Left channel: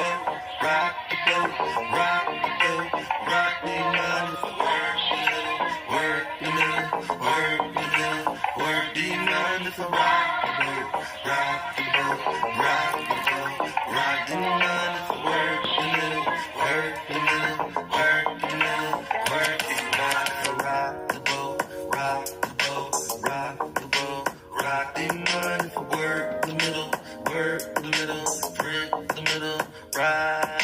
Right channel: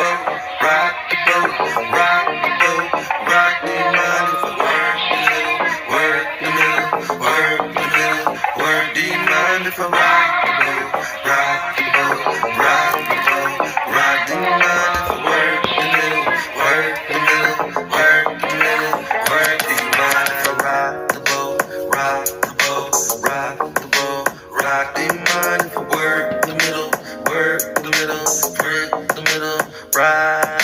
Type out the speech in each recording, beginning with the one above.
rock the boat, rock the boat, rock the money for work the middle, work the middle, work the money for rock the boat, rock the boat, rock the boat, rock the money for work the middle, work the middle, work the middle, work the money for rock the boat, rock the boat, rock the boat, rock the money for work the middle, work the middle, work the middle, rock.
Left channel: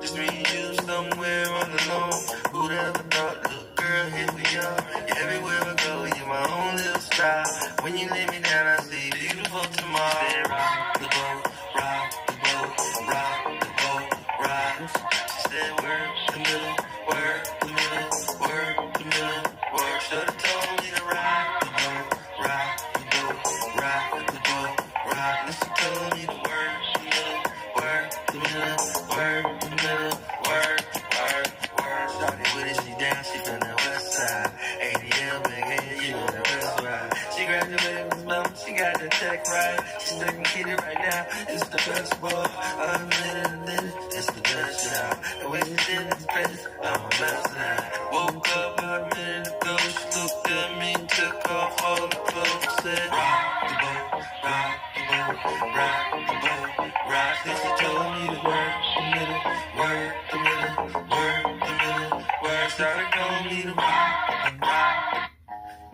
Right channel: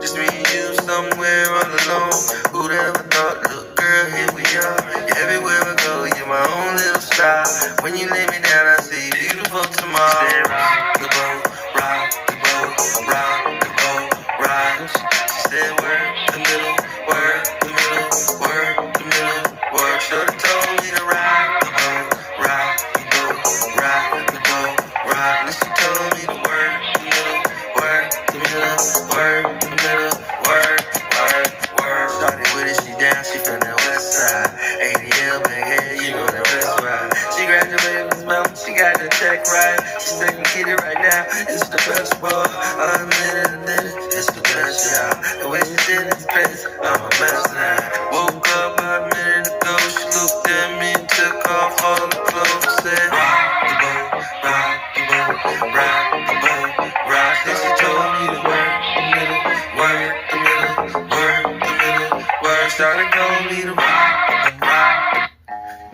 Just me and you somewhere all alone. Who'd ever thought, look girl, here we are. You're everywhere I go, you're my own little star. When you lay me down, I see beautiful tomorrow. She said, rock the boat, rock the boat, rock the boat, rock. She said, work the middle, work the middle, work the middle, work. Shorty told me to rock the boat, rock the boat, rock the boat, rock. And she told me to work the middle, work the middle, work the middle, work, work, work. Started with it, she down, she from the west side. ADL, big head, you know that best ride. She graduated from Mountain, she got the check right. She's taking kitty right now, it's the best boy. I'm in it, it's the best job. The way she did it's crazy, I'm a mess now. Woke up about a minute ago, she looked at me and took off all the clothes. Said, rock the boat, rock the boat, rock the boat, rock. Then she told me to work the middle, work the middle, work the middle, work. Started calling me to rock the rock.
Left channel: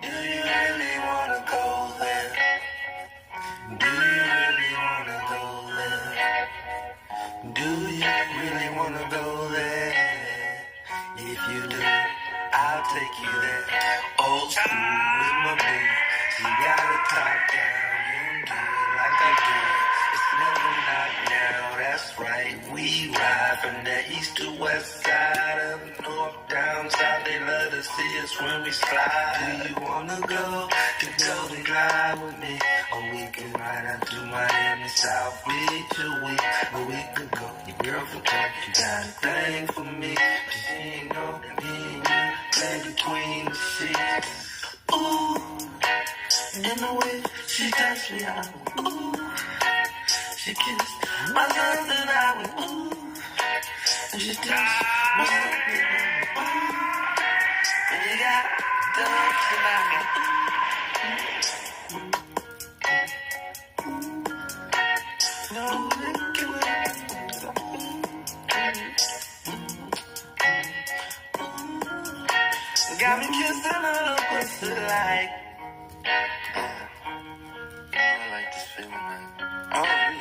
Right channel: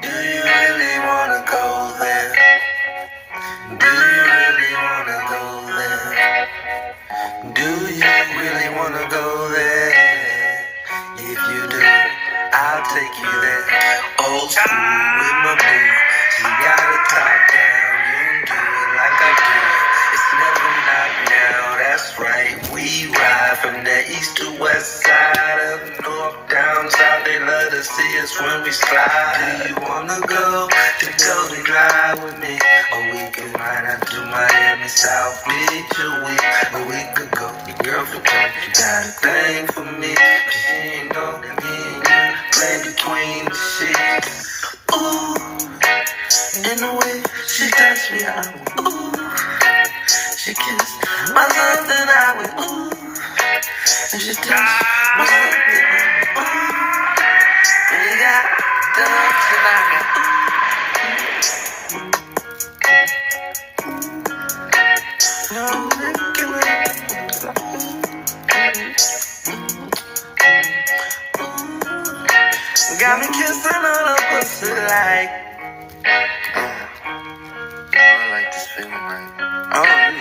Do you really wanna go there? Do you really wanna go there? Do you really wanna go there? If you do, I'll take you there. Old school with my boo. She got it top down. You do it like I do it. It's never not now. That's right. We ride from the east to west side, up north, down south. They love to see us when we slide. Do you wanna go to Golden Glide with me? Or we can ride out to Miami, South Beach, or we could go. Your girlfriend told you got a thing for me, but she ain't know that me and you play between the sheets. Ooh, in the way she touched me, I went ooh. She kissed my love and I went ooh. And she touched my love and I went ooh. And we got done tonight, ooh. No, got me kissing all up pussy like